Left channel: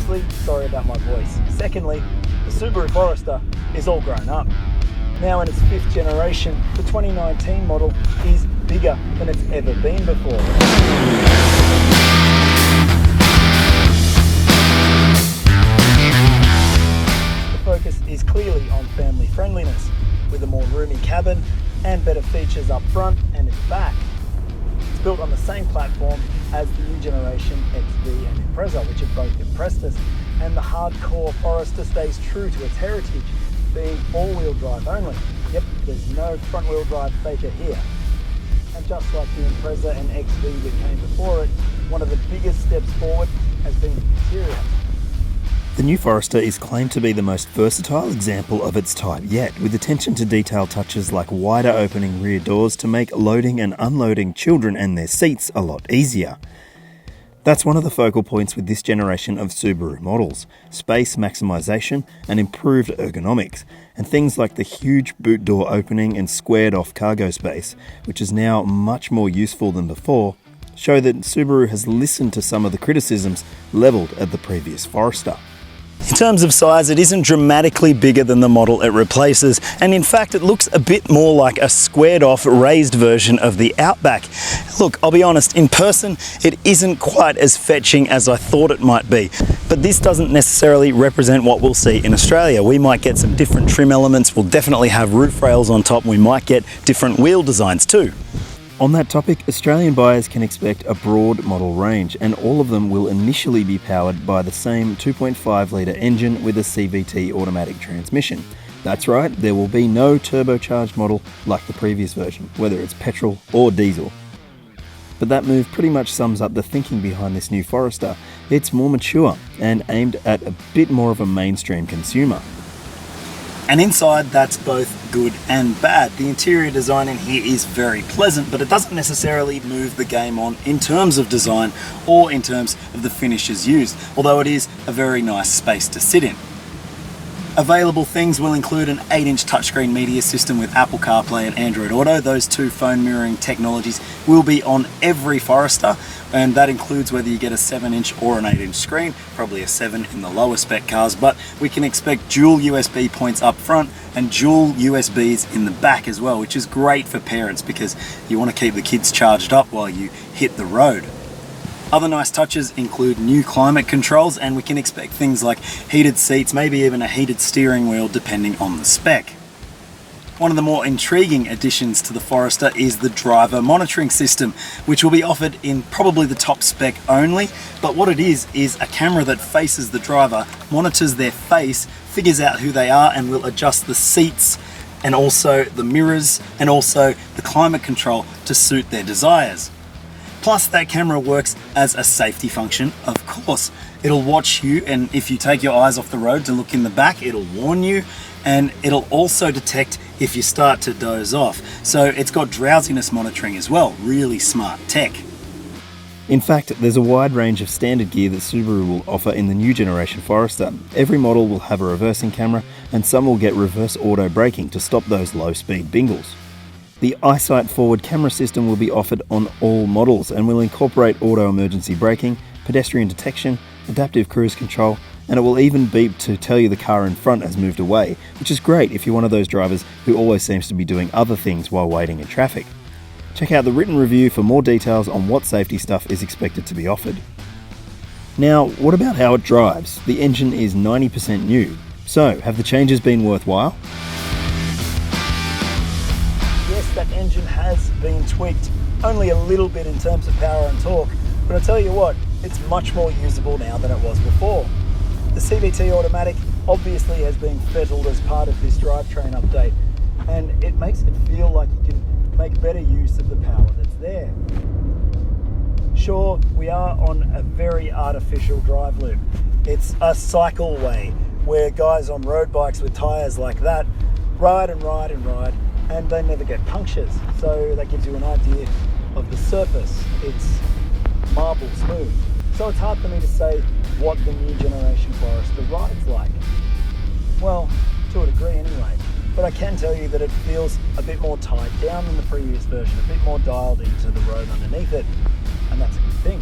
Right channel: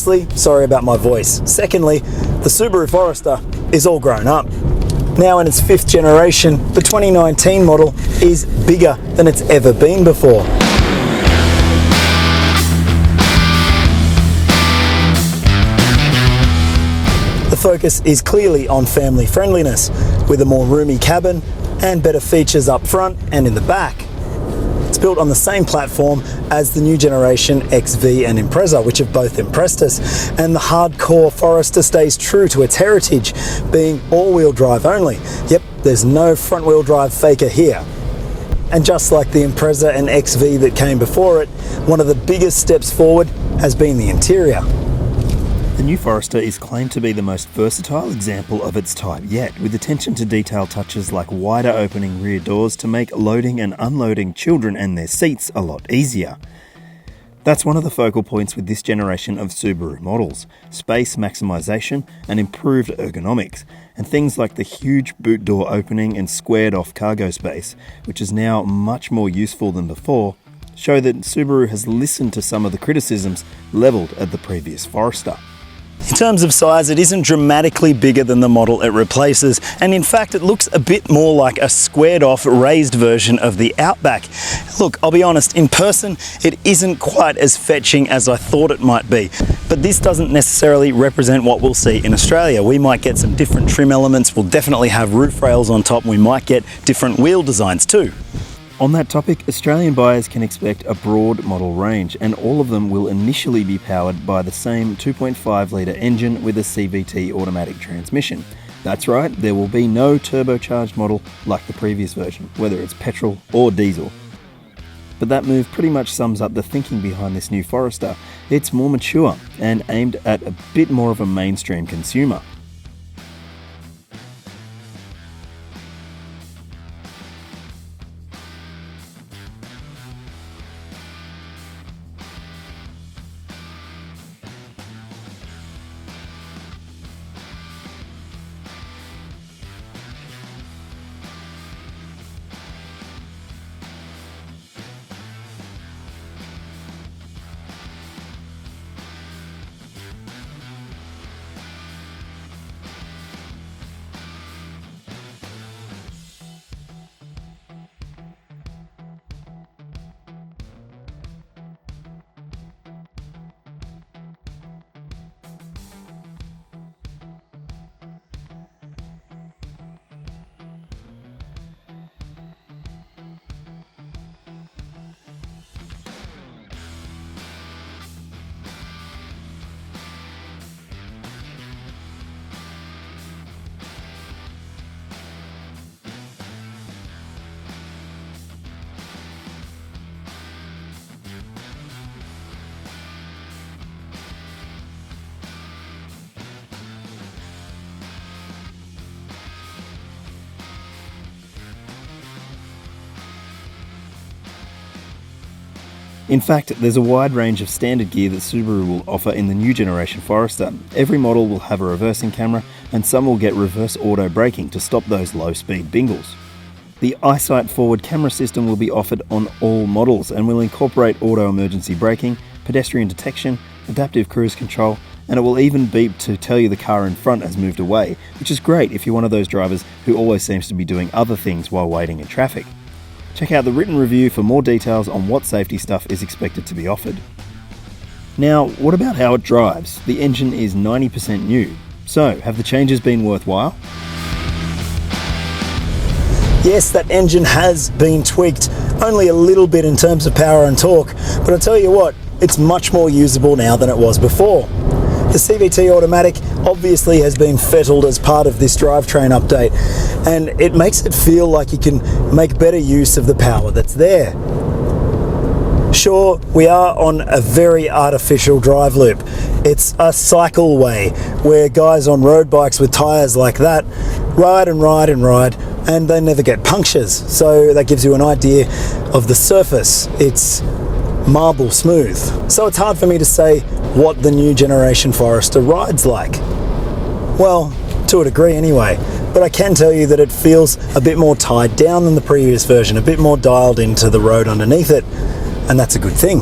Firstly, sorry about my voice. Secondly, the Subaru Forester is all grown up. Now in its 5th generation, the 2019 model is bigger than it's ever been before. The focus is clearly on family friendliness, with a more roomy cabin and better features up front and in the back. It's built on the same platform as the new generation XV and Impreza, which have both impressed us, and the hardcore Forester stays true to its heritage, being all-wheel drive only. Yep, there's no front-wheel drive faker here. And just like the Impreza and XV that came before it, one of the biggest steps forward has been the interior. The new Forester is claimed to be the most versatile example of its type yet, with attention to detail touches like wider opening rear doors to make loading and unloading children and their seats a lot easier. That's one of the focal points with this generation of Subaru models: space maximisation and improved ergonomics, and things like the huge boot door opening and squared off cargo space, which is now much more useful than before, show that Subaru has listened to some of the criticisms levelled at the previous Forester. In terms of size, it isn't dramatically bigger than the model it replaces, and in fact it looks a bit more like a squared off, raised version of the Outback. Look, I'll be honest, in person it isn't quite as fetching as I thought it might be, but this doesn't necessarily represent what we'll see in Australia. We might get some different trim elements, we'll definitely have roof rails on top, and we might get different wheel designs too. On that topic, Australian buyers can expect a broad model range, and all of them will initially be powered by the same 2.5 litre engine with a CVT automatic transmission. That's right, there will be no turbocharged model like the previous version, whether it's petrol or diesel. But that move pretty much sums up the thinking behind this new Forester. It's more mature and aimed at a bit more of a mainstream consumer. And inside, that's both good and bad. The interior design in here is very pleasant, but it doesn't necessarily move the game on in terms of design or in terms of the finishes used, although it is a very nice space to sit in. Available things will include an 8-inch touchscreen media system with Apple CarPlay and Android Auto. Those two phone mirroring technologies will be on every Forester, and that includes whether you get a 7-inch or an 8-inch screen, probably a 7 in the lower spec cars, but we can expect dual USB points up front and dual USBs in the back as well, which is great for parents because you want to keep the kids charged up while you hit the road. Other nice touches include new climate controls, and we can expect things like heated seats, maybe even a heated steering wheel depending on the spec. One of the more intriguing additions to the Forester is the driver monitoring system, which will be offered in probably the top spec only, but what it is a camera that faces the driver, monitors their face, figures out who they are, and will adjust the seats and also the mirrors and also the climate control to suit their desires. Plus, that camera works as a safety function, of course. It'll watch you, and if you take your eyes off the road to look in the back, it'll warn you, and it'll also detect if you start to doze off. So it's got drowsiness monitoring as well. Really smart tech. In fact, there's a wide range of standard gear that Subaru will offer in the new generation Forester. Every model will have a reversing camera, and some will get reverse auto braking to stop those low-speed bingles. The EyeSight forward camera system will be offered on all models and will incorporate auto emergency braking, pedestrian detection, adaptive cruise control, and it will even beep to tell you the car in front has moved away, which is great if you're one of those drivers who always seems to be doing other things while waiting in traffic. Check out the written review for more details on what safety stuff is expected to be offered. Now, what about how it drives? The engine is 90% new. So, have the changes been worthwhile? Yes, that engine has been tweaked, only a little bit in terms of power and torque, but I'll tell you what, it's much more usable now than it was before. The CVT automatic obviously has been fettled as part of this drivetrain update, and it makes it feel like you can make better use of the power that's there. Sure, we are on a very artificial drive loop. It's a cycleway where guys on road bikes with tyres like that ride and ride and ride, and they never get punctures. So that gives you an idea of the surface. It's marble smooth. So it's hard for me to say what the new generation Forester rides like. Well, to a degree anyway, but I can tell you that it feels a bit more tied down than the previous version, a bit more dialed into the road underneath it, and that's a good thing.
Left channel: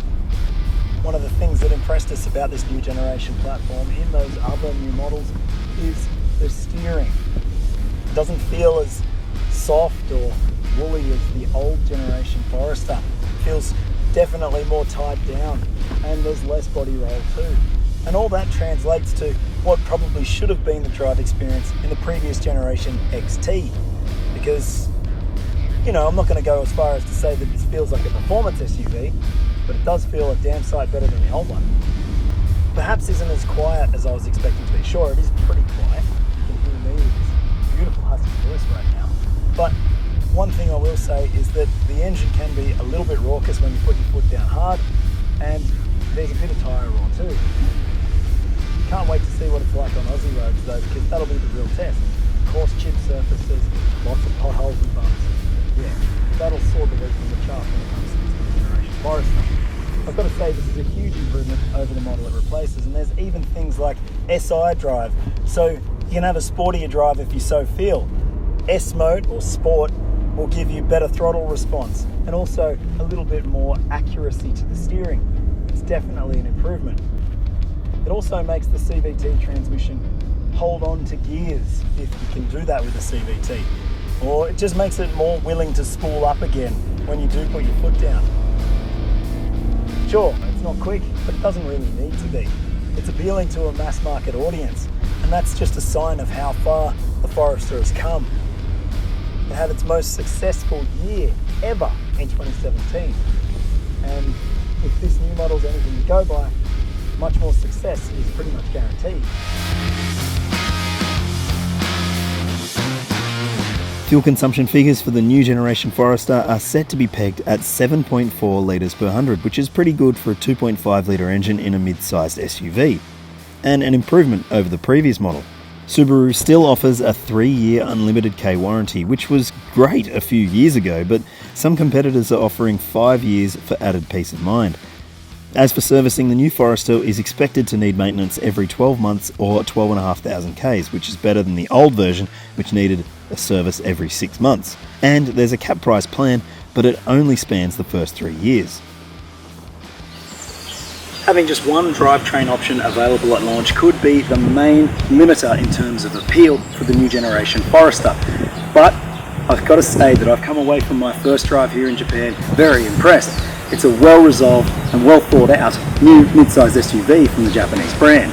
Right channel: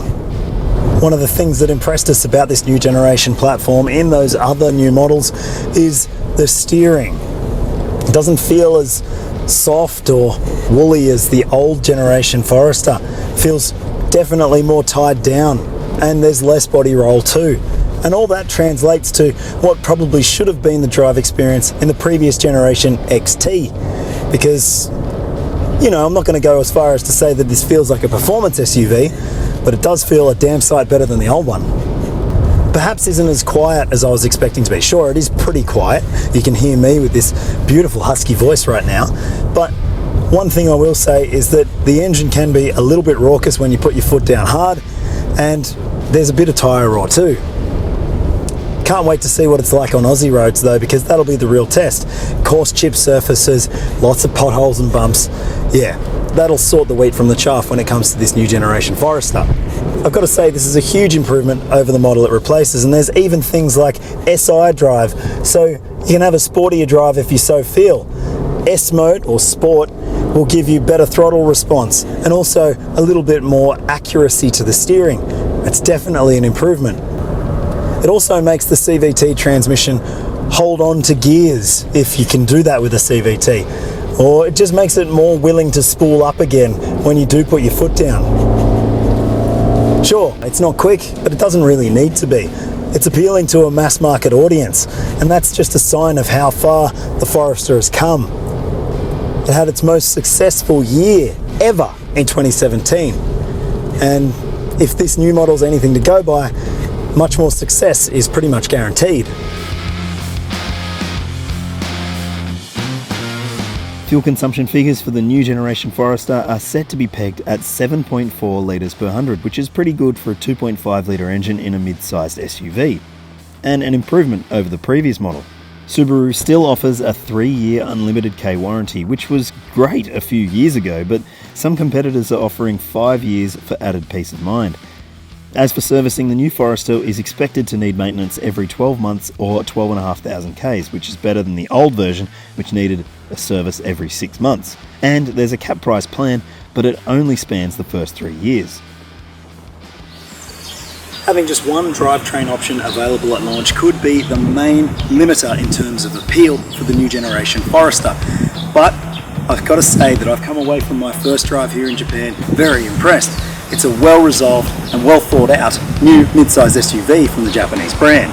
one of the things that impressed us about this new generation platform in those other new models is the steering. It doesn't feel as soft or woolly as the old generation Forester. It feels definitely more tied down, and there's less body roll too. And all that translates to what probably should have been the drive experience in the previous generation XT. Because, you know, I'm not going to go as far as to say that this feels like a performance SUV, but it does feel a damn sight better than the old one. Perhaps isn't as quiet as I was expecting to be. Sure, it is pretty quiet. You can hear me with this beautiful husky voice right now. But one thing I will say is that the engine can be a little bit raucous when you put your foot down hard, and there's a bit of tyre roar too. Can't wait to see what it's like on Aussie roads though, because that'll be the real test. Coarse chip surfaces, lots of potholes and bumps. Yeah, that'll sort the wheat from the chaff when it comes to this new generation Forester. I've got to say this is a huge improvement over the model it replaces, and there's even things like SI drive, so you can have a sportier drive if you so feel. S mode or sport will give you better throttle response and also a little bit more accuracy to the steering. It's definitely an improvement. It also makes the CVT transmission hold on to gears if you can do that with a CVT, or it just makes it more willing to spool up again when you do put your foot down. Sure, it's not quick, but it doesn't really need to be. It's appealing to a mass market audience, and that's just a sign of how far the Forester has come. It had its most successful year ever in 2017, and if this new model's anything to go by, much more success is pretty much guaranteed. Fuel consumption figures for the new generation Forester are set to be pegged at 7.4 litres per 100, which is pretty good for a 2.5 litre engine in a mid-sized SUV, and an improvement over the previous model. Subaru still offers a 3-year unlimited K warranty, which was great a few years ago, but some competitors are offering 5 years for added peace of mind. As for servicing, the new Forester is expected to need maintenance every 12 months or 12,500 Ks, which is better than the old version, which needed a service every 6 months. And there's a cap price plan, but it only spans the first 3 years. Having just one drivetrain option available at launch could be the main limiter in terms of appeal for the new generation Forester. But I've got to say that I've come away from my first drive here in Japan very impressed. It's a well-resolved and well-thought-out new mid-sized SUV from the Japanese brand.